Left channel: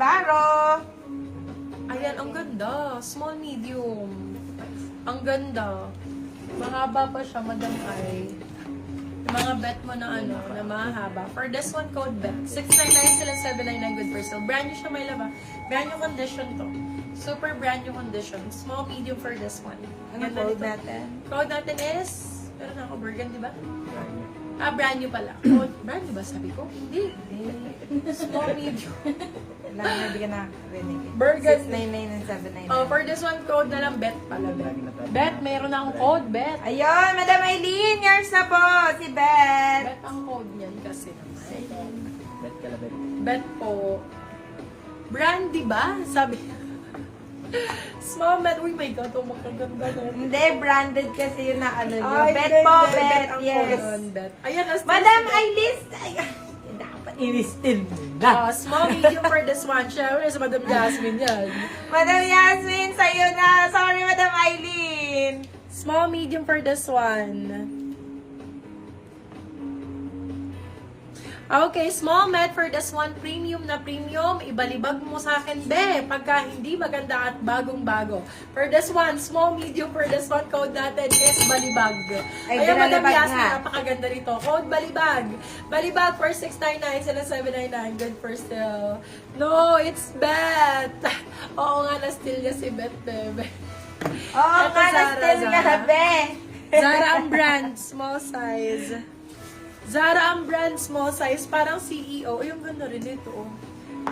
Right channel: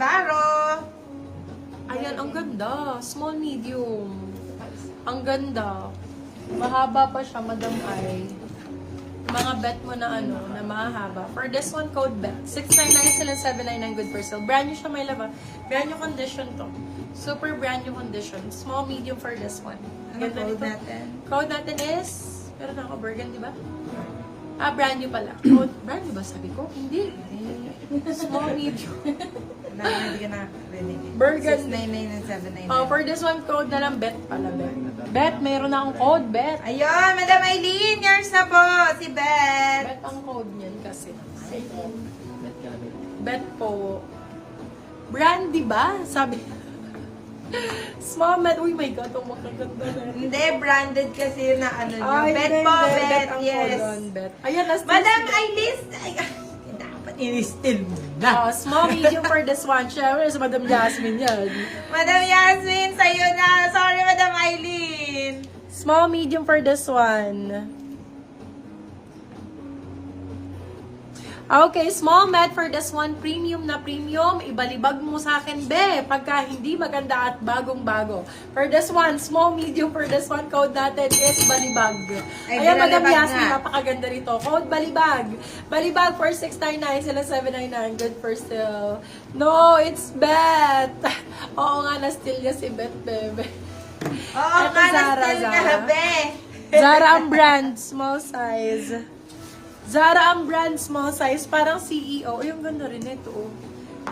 Baro. Ayan, ang ganda. Small, medium. Ang ganda. Mahaba pa siya, Madam Ay. Yung mga bet mo na ano, na mahaba. For this one, code bet. 699 sila, 799 good for sale. Brand new siya, may laba. Brand new condition to. Super brand new condition. Small, medium for this one. Ano Ganda code nito. natin? Code natin is, pero na ako, burgundy ba? Ah, brand new pala. Code, brand new ba sabi ko? Hindi. Small, medium. Hindi ka nakarinig. Burgundy. 699 and 799. Oh, for this one, code na lang, bet pala, bet. Bet, meron na akong code, bet. Ayun, Madam Aileen, yours na po, si Beth. Bet ang code niyan kasi. Bet po. Brand, di ba? Sabi. Small bet. Uy, my God, oh, makaganda bet. Hindi, branded kasi na ano nyo. Ay, Bet hindi, po, hindi. Bet, ang yes. code on, bet. Ayan, nas Madam Aileen, ay, dapat i-listil mo na. Oh, small, medium for this one. Siyempre, sa Madam Jasmine yan. Madam Yasmin, sa'yo na. Sorry, Madam Aileen. Small, medium for this one. Okay, small med for this one, premium na premium. Ibalibag mo sa akin, be, pagka hindi maganda at bagong-bago. For this one, small, medium for this one, code natin is balibag. Ay, Ayan, Madam balibag Yasmin, nga. napakaganda nito. Code balibag. Balibag for 699, sila 799. Good for still. No, it's Bet. Oo nga, na-steal niya si Bet, bebe. Oo, Ito, nga, Zara, na-steal nga, Zara. be. Zara ang brand, small size. Zara ang brand, small size, parang CEO. Ay, ang ganda rin ito. Oh.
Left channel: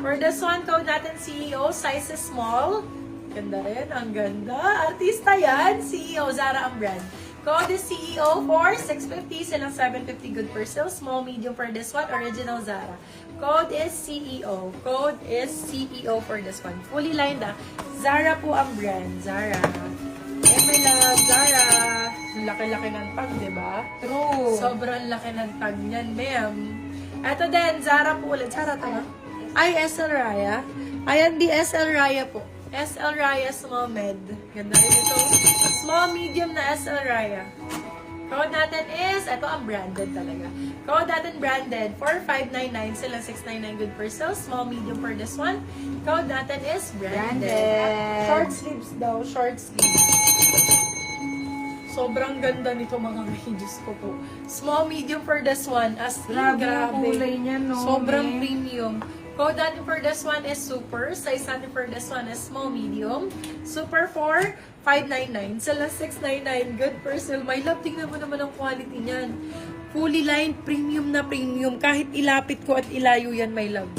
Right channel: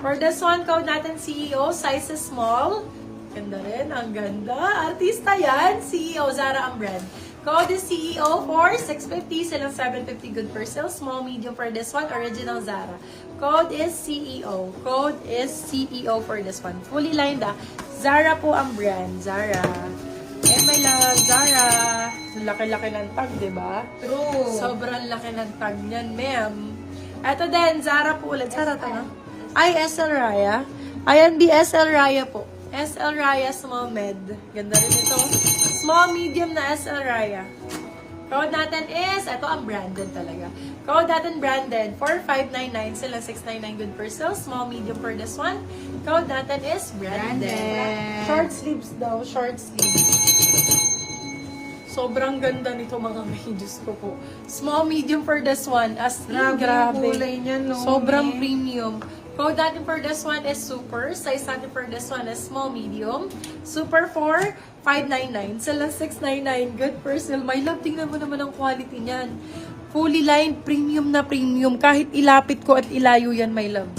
For this one, code natin CEO, size is small. Ganda rin, ang ganda. Artista yan, CEO, Zara ang brand. Code is CEO for 650, silang 750 good for sale. Small, medium for this one, original Zara. Code is CEO. Code is CEO for this one. Fully lined ah. Zara po ang brand, Zara. Oh my love, Zara. Laki-laki ng tag, di ba? True. Sobrang laki ng tag niyan, ma'am. Ito din, Zara po ulit. Zara to, no? Ay, SL Raya. Ayan, di SL Raya po. SL Raya Small Med. Ganda rin ito. Small, medium na SL Raya. Code natin is, ito ang branded talaga. Code natin branded, 4599, sila 699 good for sale. Small, medium for this one. Code natin is branded. Branded. Short sleeves daw, short sleeves. Sobrang ganda nito mga Diyos ko po. Small, medium for this one. As Grabe yung kulay niya, no? Sobrang eh. premium. Code natin for this one is super. Size natin for this one is small, medium. Super for 599. Sila 699. Good for sale. My love, tingnan mo naman ang quality niyan. Fully lined, premium na premium. Kahit ilapit ko at ilayo yan, my love.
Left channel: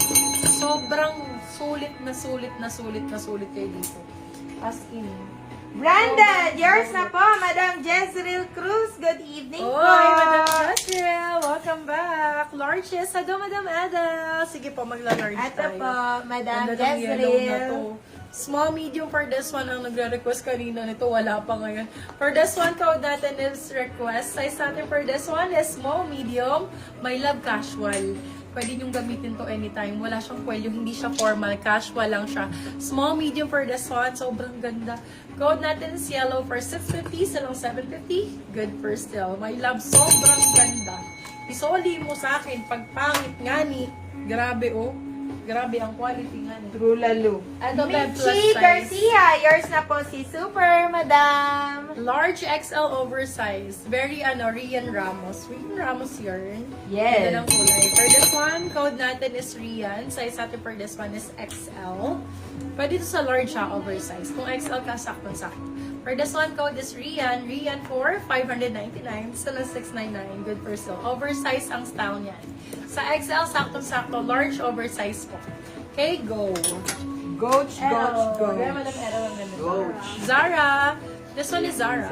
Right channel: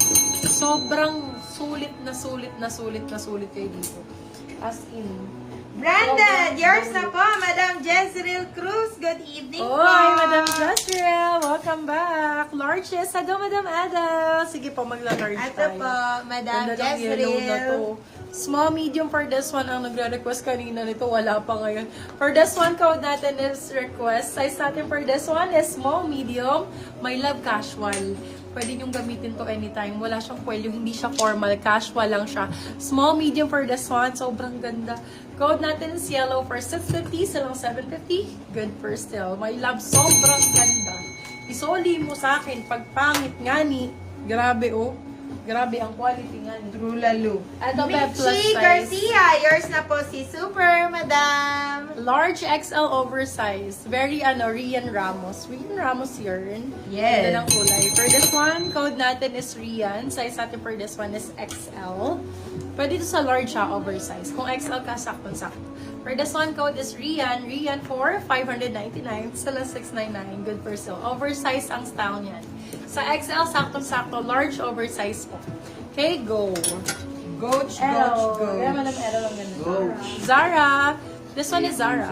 Sobrang sulit na sulit na sulit na sulit kayo dito. As in. Branded, yours na po, Madam Jezreel Cruz. Good evening po. Oy, Madam Jezreel, welcome back. Larges, hello, Madam Ada. Sige po, magla-large Ito tayo. po, Madam Ganda ng yellow na to. Jezreel. Small, medium for this one ang nagre-request kanina nito. Wala pa ngayon. For this one, code natin is request. Size natin for this one is small, medium. My love, casual. Pwede niyong gamitin to anytime. Wala siyang kwelyo, hindi siya formal. Casual lang siya. Small, medium for this one. Sobrang ganda. Code natin is yellow for 650. Silang 750. Good for still. My love, sobrang ganda. Isoli mo sa akin. Pag pangit nga ni. Grabe oh. Grabe ang quality nga ni. True lalo. Ito, Beb, plus Michi size. Garcia, yours na po si Super, Madam. Large XL oversized. Very Rian Ramos. Rian Ramos yarn. Yes. Ganda ng kulay. For this one, code natin is Rian. Size natin for this one is XL. Pwede ito sa large siya, oversized. Kung XL ka, sakto-sakto. For this one, code is Rian. Rian for 599. Still 699. Good for sale. Oversized ang style niyan. Sa XL, sakto-sakto. Large oversized po. Okay, go. Goach, goach, goach. Kaya malam error ang ganda. Zara. This one is Zara.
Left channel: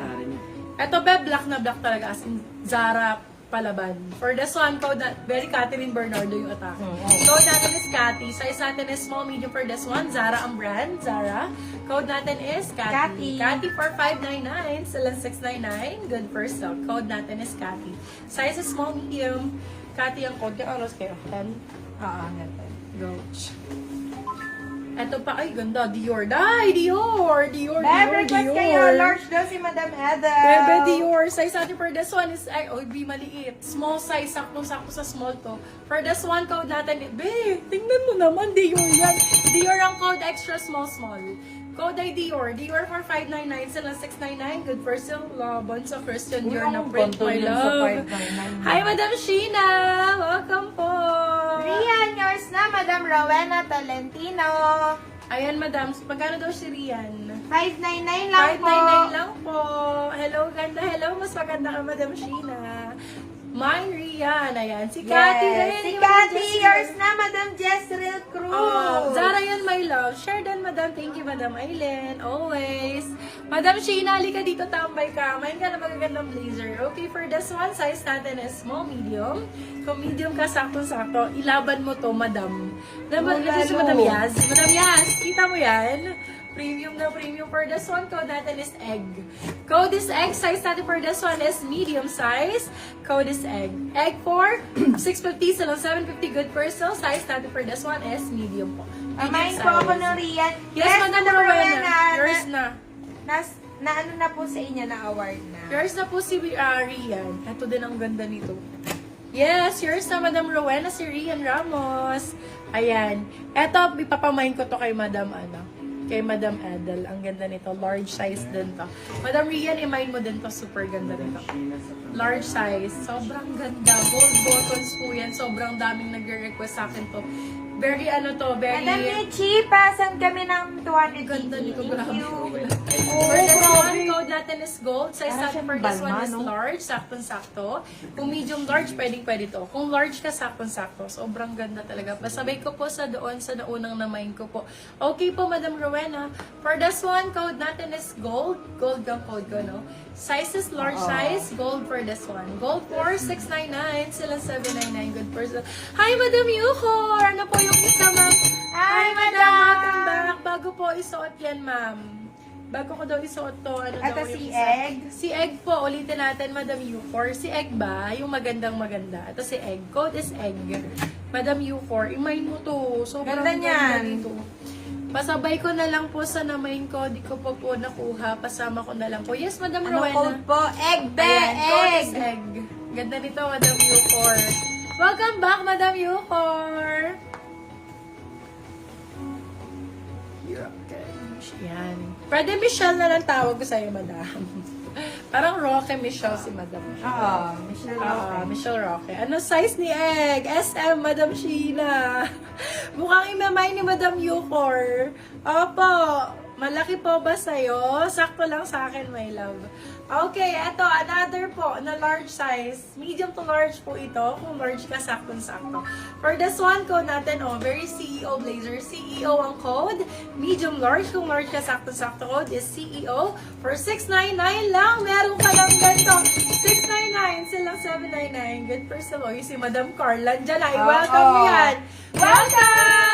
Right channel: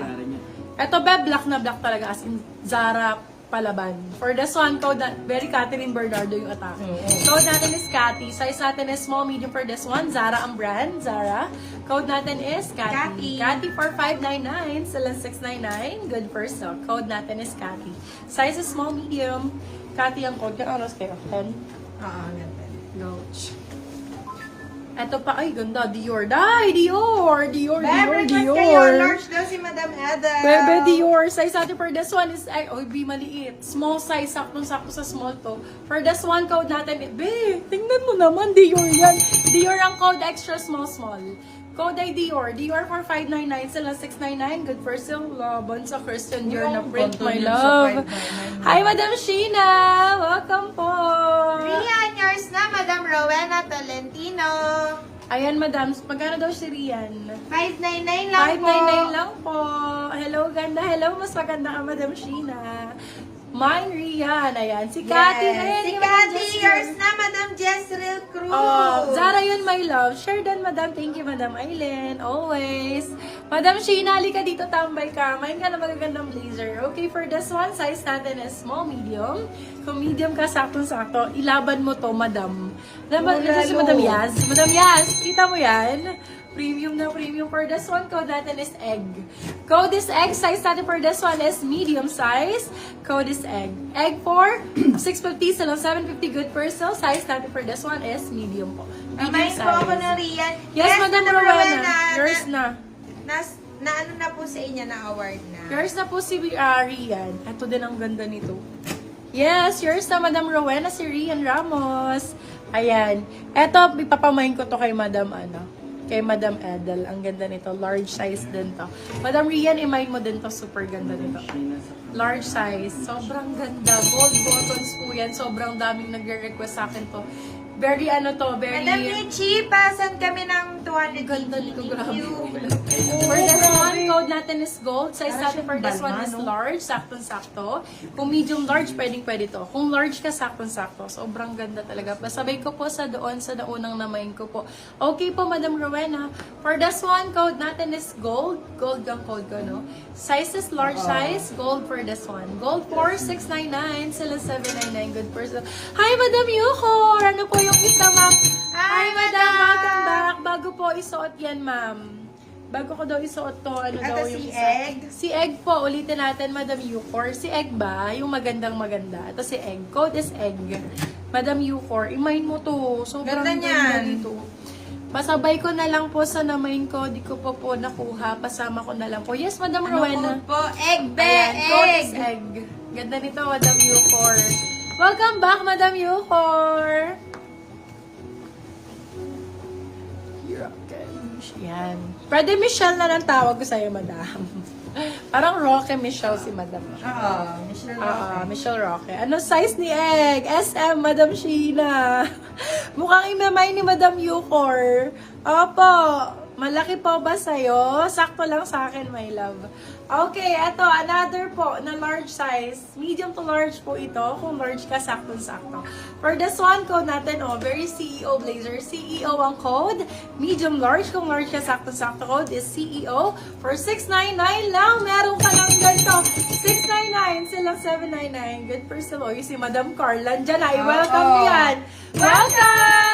Ito ba, black na black talaga. As in, Zara palaban. For this one, code na, very Catherine Bernardo yung atake. Code natin is Cathy. Size natin is small, medium for this one. Zara ang brand. Zara. Code natin is Cathy. Cathy for 599. Silang 699. Good for sale. Code natin is Cathy. Size is small, medium. Cathy ang code. Kaya oras kayo? 10? Oo, ganito. Goes. Ito pa, ay ganda, Dior. Dior, Request kayo, large daw si Madam Edel. Bebe Dior, size natin for this one is, ay, oy, be maliit. Small size, sakto-sakto sa small to. For this one, code natin, tingnan mo naman, Dior yan. Dior ang code, extra small. Code ay Dior. Dior for 599, sila 699. Good for yung laban sa Christian Dior na print, my love. Hi, Madam Sheena! Welcome po! Rian, yours na, Madam Rowena Tolentino. Ayan, Madam. Magkano daw si Rian? 599 lang po. 599 lang po. Hello, ganda. Hello, mas maganda ka, Madam Sheena. Mine, Rian. Ayan. Si Cathy rin. Si yung Cathy, Jezreel. yours na, Madam Jezreel Cruz. Zara yun, my love. Share din, Madam. Thank you, Madam Aileen. Always. Madam Sheena, halika dito, tambay ka. Mine ka na magagandang blazer. Okay, for this one, size natin is small, medium. Kung medium ka, sakto-sakto, ilaban mo to, Madam. Madam Yaz. Madam Yaz, kita mo yan? Premium na premium. For this one, code natin is egg. Code is egg. Size natin for this one is medium size. Code is egg. Egg for 650, salo 750. Good for sale. Size natin for this one is medium po. Amayin po ako ng Rian. Yes, Madam Rowena. Yours na. Na ano na po sa inyo na award na. Yours na po si Rian. Ito din ang ganda nito. Yes, yours na, Madam Rowena, si Rian Ramos. Ayan. Eto, ipapamain ko to kay Madam Edel. Ang ganda nito. Large size din to. Madam Rian, imain mo din to. Super ganda nito. Large size. Sobrang ganda. Gold buttons po yan. Sobrang daming nagre-request sa akin to. Very very... Madam Pichi, pasan kami ng 200 Ganda nito, grabe. you. For this one, code natin is gold. Size natin for this one is large, saktong-sakto. Kung medium large, pwede to. Kung large ka, saktong-sakto. Sobrang ganda talaga. Pasabay ko po sa naunang namain ko po. Okay po, Madam Rowena. For this one, code natin is gold. Gold ang code ko, no? Size is large size. Gold for this one. Gold for 699. Sila 799. Good person. Hi, Madam Yuko! Ano po yung isa, ma'am? Hi, Madam! Madam! Welcome back. Bago po isuot yan, ma'am. Bago ko daw isuot to, ano Ito daw yung si isa? Egg? Si Egg po, ulitin natin, Madam Yucor. Si Egg ba? Yung magandang maganda. Ito si Egg. Code is Egg. Madam Yucor, imain mo to. Sobrang Ganda niyan. dito. Pasabay ko na lang po sa namain ko. Di ko pa po nakuha. Pasama ko na lang po. Yes, Madam Ano Rowena. code po? Egg, Ayan, code is egg. Egg. Ganda nito, Madam Yucor. Welcome back, Madam Yucor. Yan. Pwede Michelle na lang tawag ko sa'yo, Madam. Parang Roque Michelle si Madam. Oo, Michelle Roque. Michelle Roque. Ano size ni Egg? SM, Madam Sheena. Mukhang imamay ni Madam Yucor. Opo, malaki po ba sa'yo? Sakto lang sa akin, my love. Okay, eto, another po na large size. Medium to large po ito. Kung large ka, sakto-sakto. For this one, code natin, very CEO blazer. CEO ang code. Medium large. Kung large ka, sakto-sakto code is CEO. For 699 lang, meron ka lang ganito. 699, silang 799. Good person mo. Yung si Madam Carla. Diyan ay, welcome niyan. Welcome!